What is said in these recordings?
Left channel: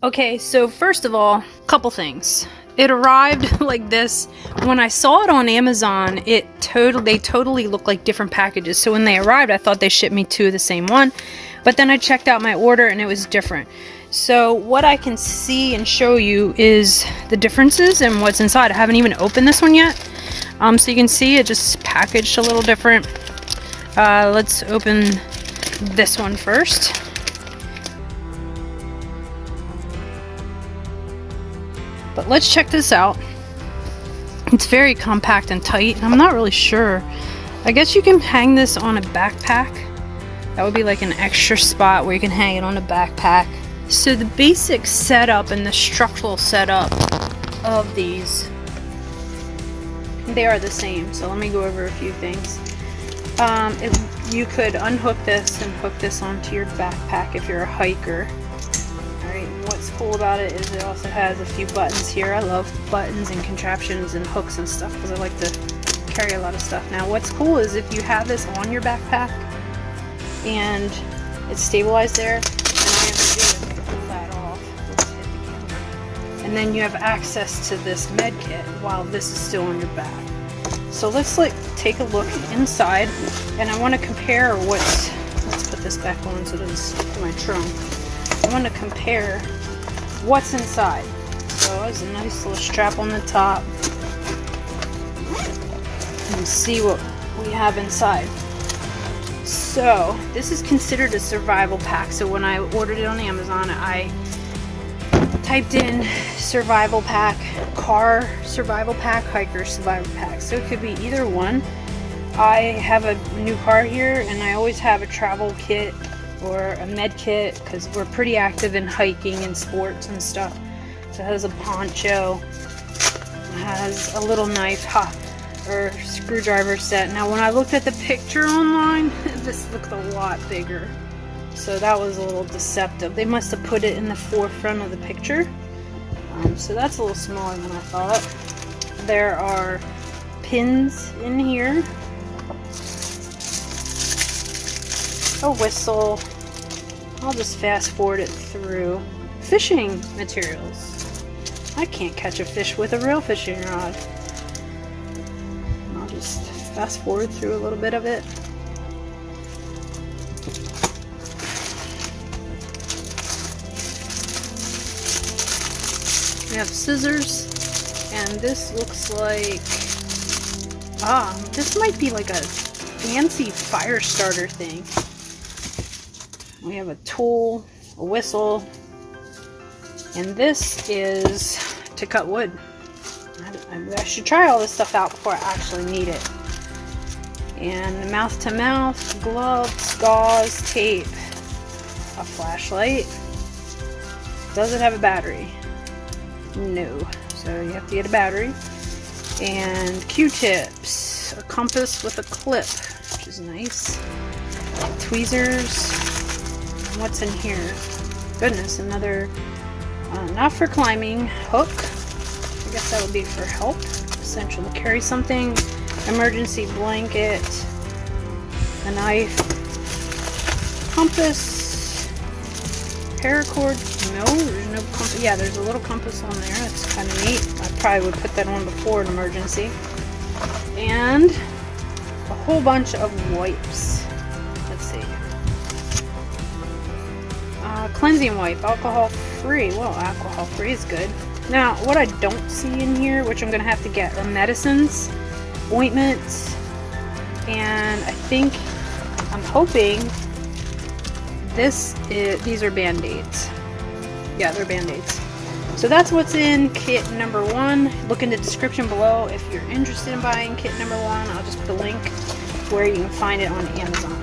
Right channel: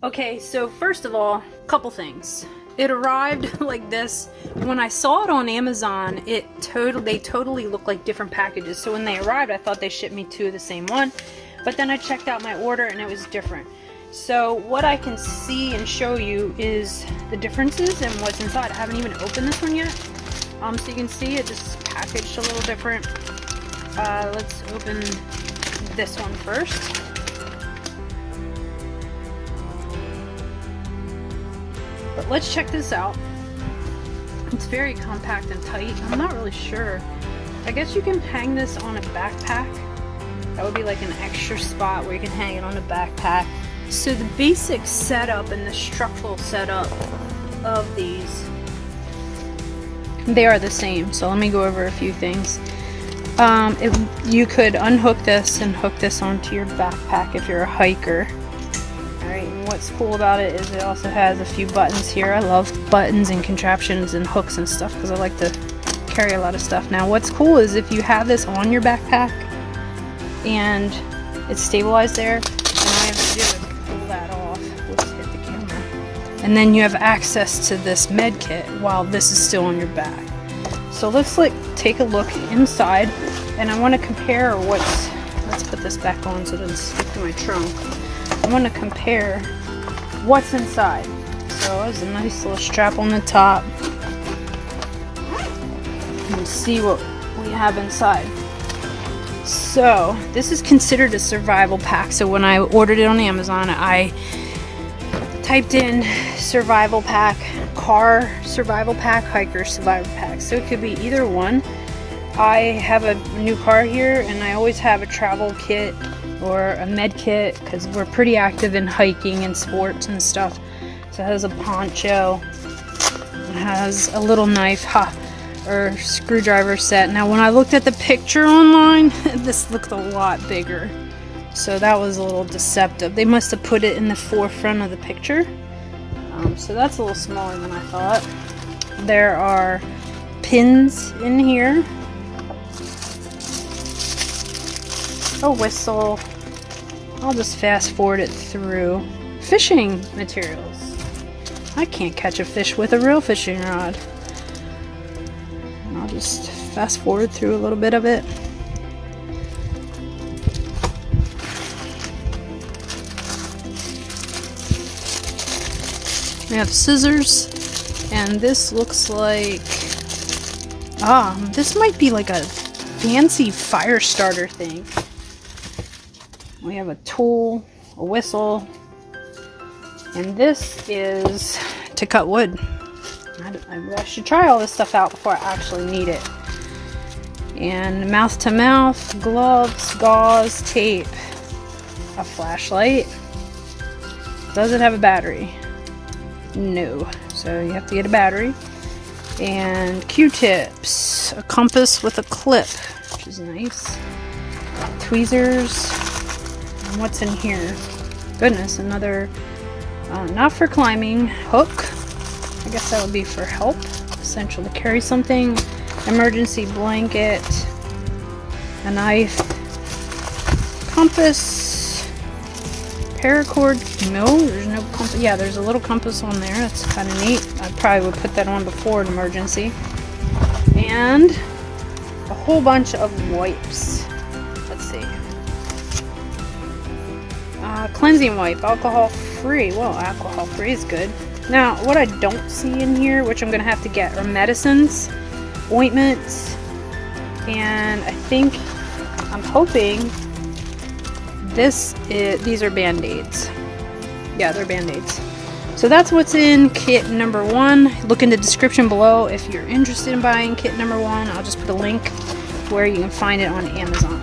Okay, so first of all, couple things. It arrived like this. When I saw it on Amazon, they totally look like different packages. So when they arrived, I thought they shipped me 2 of the same one. But then I checked out my order and it was different. So what I can see and show you is the differences and what's inside. I haven't even opened this one yet. So you can see it just packaged a little different. Let's open this one first. But let's check this out. It's very compact and tight. I'm not really sure. I guess you can hang this on a backpack. That would be like an extra spot where you can hang it on a backpack. So the basic setup and the structural setup of these, they are the same. So let me go over a few things. You could unhook this and hook this onto your backpack if you're a hiker. Alright, and what's cool about it is it also has a few buttons here. I love buttons and contraptions and hooks and stuff because I like to carry a lot of stuff. Now what's cool is if you have this on your backpack and it's stabilized there, and all you have to do is pull that off. Let's hit the camera. And then you have access to this med kit while this is still on your back. So let's take a look inside, and I want to compare let's put this back on so it doesn't stick to my trunk. I want to compare what's inside. So there's a nice little strap on the top. And see what we have inside. So this is considered a survival pack. So when I ordered it on Amazon, I typed in survival pack, car survival pack, hiker survival pack. So it could be either one. I have a new car here and I always have a travel kit or a med kit because we're pretty active in hiking and sports and stuff. So it has a poncho, it has a little knife or screwdriver set. Now when I looked at the picture online, this looked a lot bigger. So that was a little deceptive. They must have put it in the forefront of the picture. So that's a little smaller than I thought. There are pins in here. A whistle. I'll just fast forward it through. Fishing materials. I can't catch a fish with a real fishing rod. I'll just fast forward through a little bit of it. We have scissors, and this looks like, this might be like a fancy fire starter thing. We have a tool, a whistle, and this is to cut wood. I should try all this stuff out before I actually need it. And mouth to mouth, gloves, gauze, tape, a flashlight. Does it have a battery? No. So you have to get a battery. And Q-tips, a compass with a clip, which is nice. Tweezers. And what's in here? Goodness, another, not for climbing, hook. I guess that would be for help. Essential to carry something. Emergency blanket. A knife. Compass. Paracord. No, there's no compass. Yeah, there's a little compass on there. That's kind of neat. I probably would put that on before an emergency. And a whole bunch of wipes. Let's see. Cleansing wipe. Alcohol free. Well, alcohol free is good. Now, what I don't see in here, which I'm going to have to get, are medicines, ointments, and I'm hoping these are Band-Aids. Yeah, they're Band-Aids. So that's what's in kit number 1. Look in the description below if you're interested in buying kit number 1. I'll just put a link where you can find it on Amazon.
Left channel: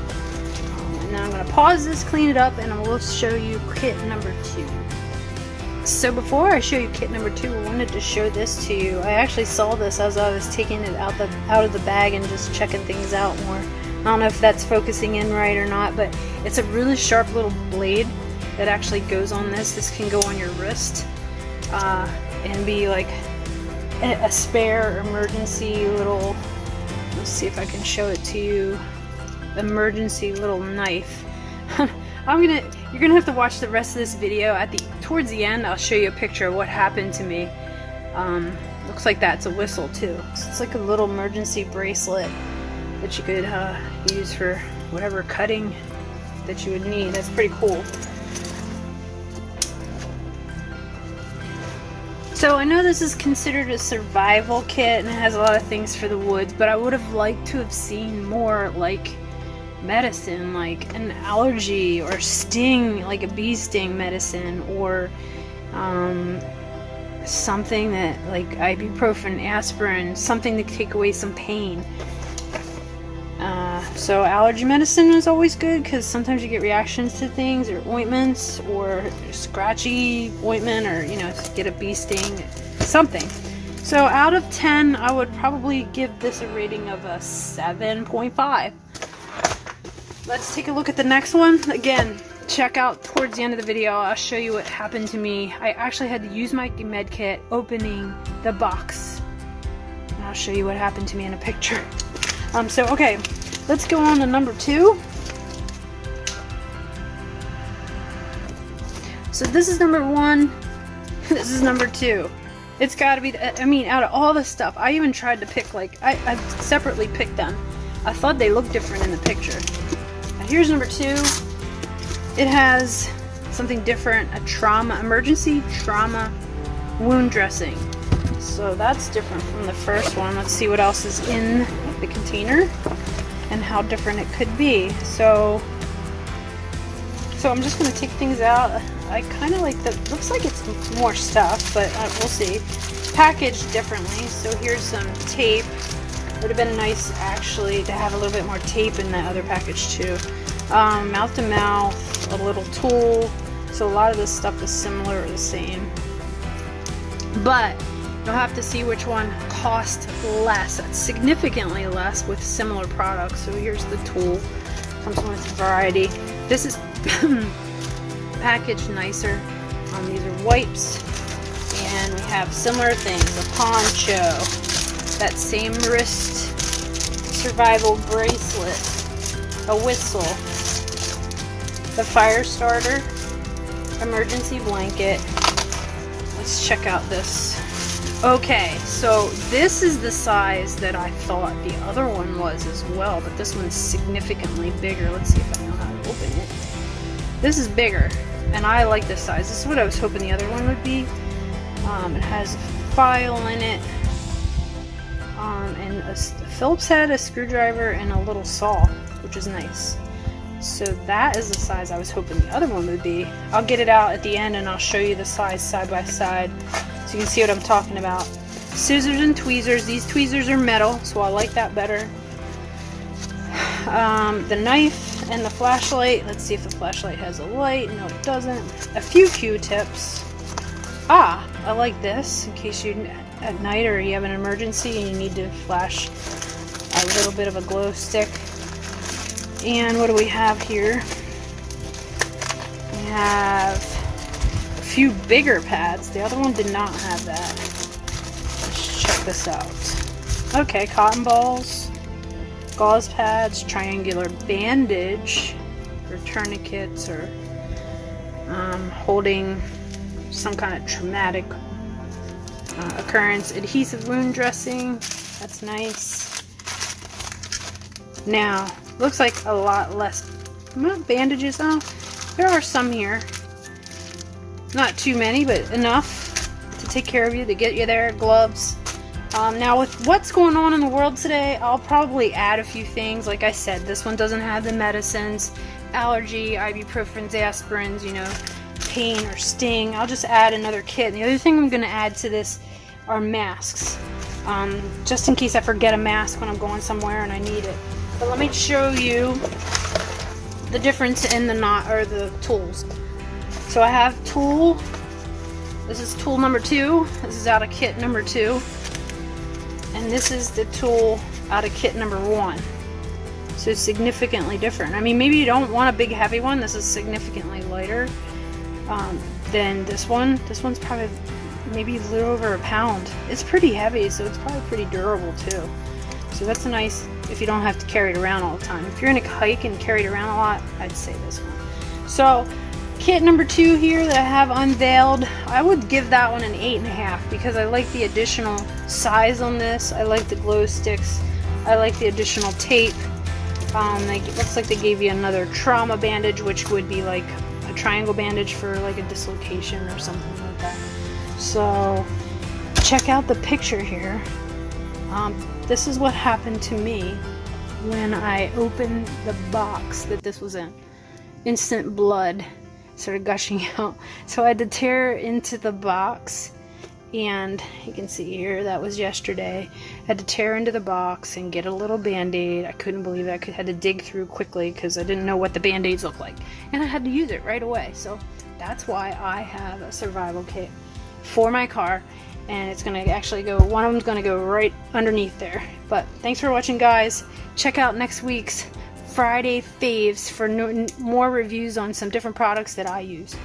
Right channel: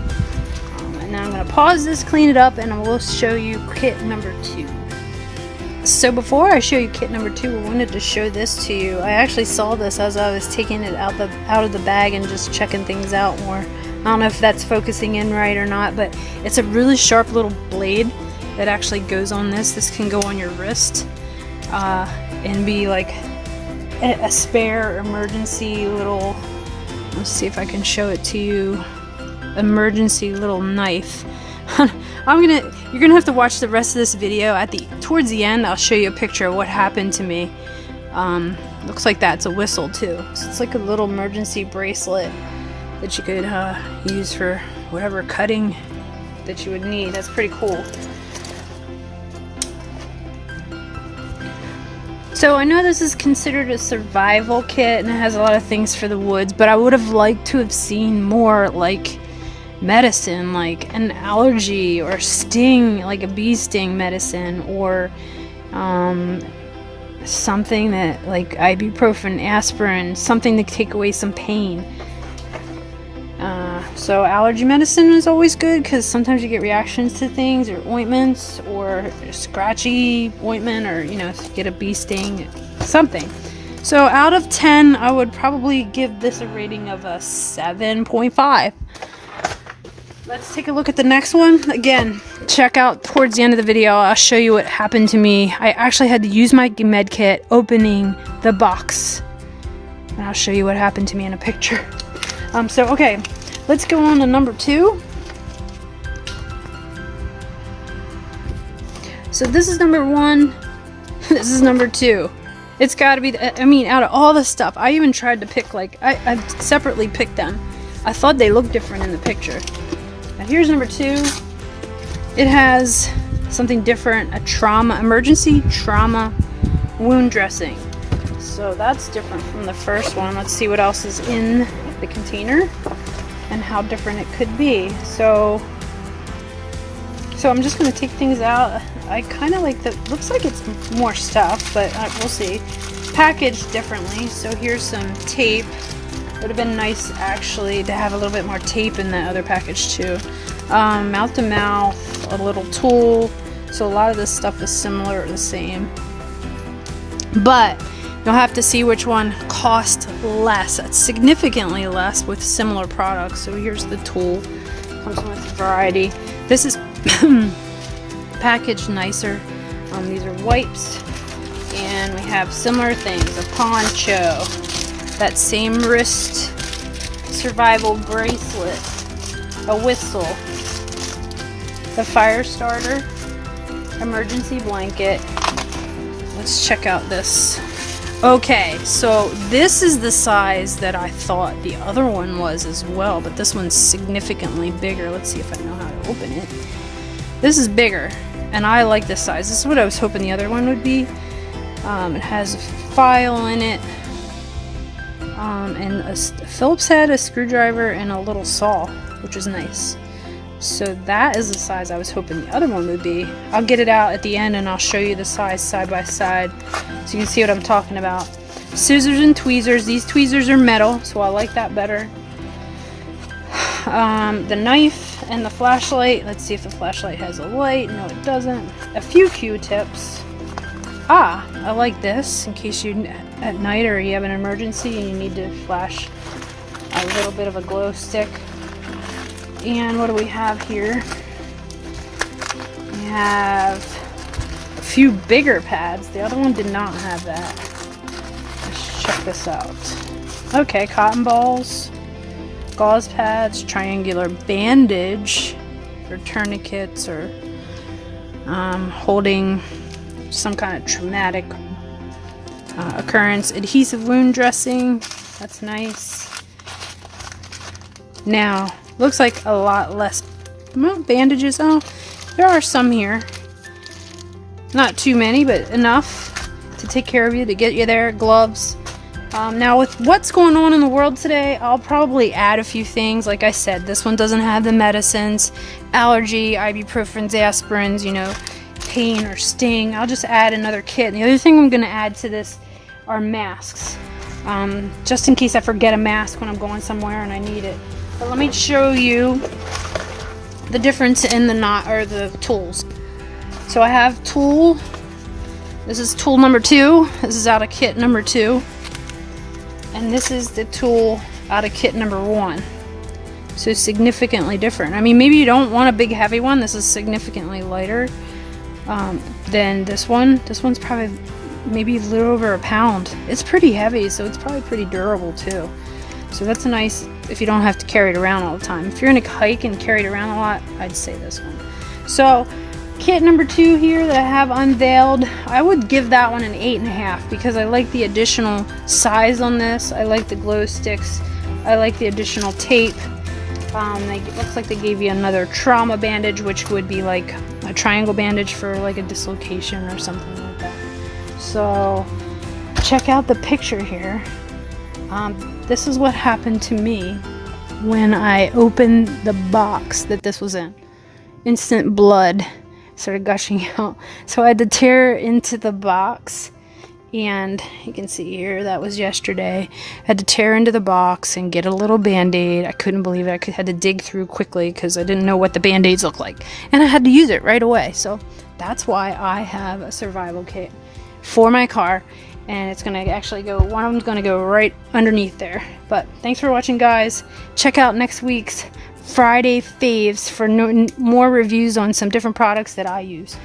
And now I'm going to pause this, clean it up, and I will show you kit number 2. So before I show you kit number 2, I wanted to show this to you. I actually saw this as I was taking it out of the bag and just checking things out more. I don't know if that's focusing in right or not, but it's a really sharp little blade that actually goes on this. This can go on your wrist and be like a spare emergency little, let's see if I can show it to you, emergency little knife. You're gonna have to watch the rest of this video. Towards the end, I'll show you a picture of what happened to me. Looks like that's a whistle too. So it's like a little emergency bracelet that you could use for whatever cutting that you would need. That's pretty cool. So I know this is considered a survival kit and it has a lot of things for the woods, but I would have liked to have seen more like medicine, like an allergy or sting, like a bee sting medicine, or something that like ibuprofen, aspirin, something to take away some pain. So allergy medicine is always good because sometimes you get reactions to things, or ointments, or scratchy ointment, or you know, get a bee sting, something. So out of 10, I would probably give this a rating of a 7.5. Let's take a look at the next one. Again, check out towards the end of the video. I'll show you what happened to me. I actually had to use my med kit opening the box. And I'll show you what happened to me in a picture. Okay, let's go on to number 2. So this is number 1. This is number 2. It's gotta be, I mean, out of all the stuff, I even tried to pick, like, I separately picked them. I thought they looked different in the picture. Now here's number 2. It has something different, emergency trauma wound dressing. So that's different from the first one. Let's see what else is in the container and how different it could be. So I'm just going to take things out. I kind of like that. Looks like it's more stuff, but we'll see. Packaged differently. So here's some tape. Would have been nice actually to have a little bit more tape in the other package too. Mouth to mouth, a little tool. So a lot of this stuff is similar or the same. But you'll have to see which one cost less, significantly less with similar products. So here's the tool. Comes with a variety. This is packaged nicer. These are wipes. And we have similar things. A poncho. That same wrist survival bracelet. A whistle. The fire starter. Emergency blanket. Let's check out this. Okay, so this is the size that I thought the other one was as well, but this one's significantly bigger. Let's see if I know how to open it. This is bigger, and I like this size. This is what I was hoping the other one would be. It has a file in it, and a Phillips head, a screwdriver, and a little saw, which is nice. So that is the size I was hoping the other one would be. I'll get it out at the end and I'll show you the size side by side so you can see what I'm talking about. Scissors and tweezers. These tweezers are metal, so I like that better. The knife and the flashlight. Let's see if the flashlight has a light. No, it doesn't. A few Q-tips. I like this in case you're at night or you have an emergency and you need to flash a little bit of a glow stick. And what do we have here? We have a few bigger pads. The other one did not have that. Let's check this out. Okay, cotton balls, gauze pads, triangular bandage or tourniquets, or holding some kind of traumatic occurrence. Adhesive wound dressing. That's nice. Now, looks like a lot less bandages. Oh, there are some here. Not too many, but enough to take care of you, to get you there. Gloves. Now with what's going on in the world today, I'll probably add a few things. Like I said, this one doesn't have the medicines, allergy, ibuprofens, aspirins, you know, pain or sting. I'll just add another kit. And the other thing I'm going to add to this are masks. Just in case I forget a mask when I'm going somewhere and I need it. But let me show you the difference in the tools. So I have tool. This is tool number 2. This is out of kit number 2. And this is the tool out of kit number 1. So significantly different. I mean, maybe you don't want a big heavy one. This is significantly lighter than this one. This one's probably maybe a little over a pound. It's pretty heavy, so it's probably pretty durable too. So that's a nice if you don't have to carry it around all the time. If you're in a hike and carry it around a lot, I'd say this one. So kit number 2 here that I have unveiled, I would give that one an 8.5 because I like the additional size on this. I like the glow sticks. I like the additional tape. It looks like they gave you another trauma bandage, which would be like a triangle bandage for like a dislocation or something like that. So check out the picture here. This is what happened to me when I opened the box that this was in. Instant blood started gushing out. So I had to tear into the box, and you can see here, that was yesterday. I had to tear into the box and get a little band-aid. I couldn't believe it. I had to dig through quickly because I didn't know what the band-aids look like. And I had to use it right away. So that's why I have a survival kit for my car. And it's going to actually go, one of them's going to go right underneath there. But thanks for watching, guys. Check out next week's Friday faves for more reviews on some different products that I use.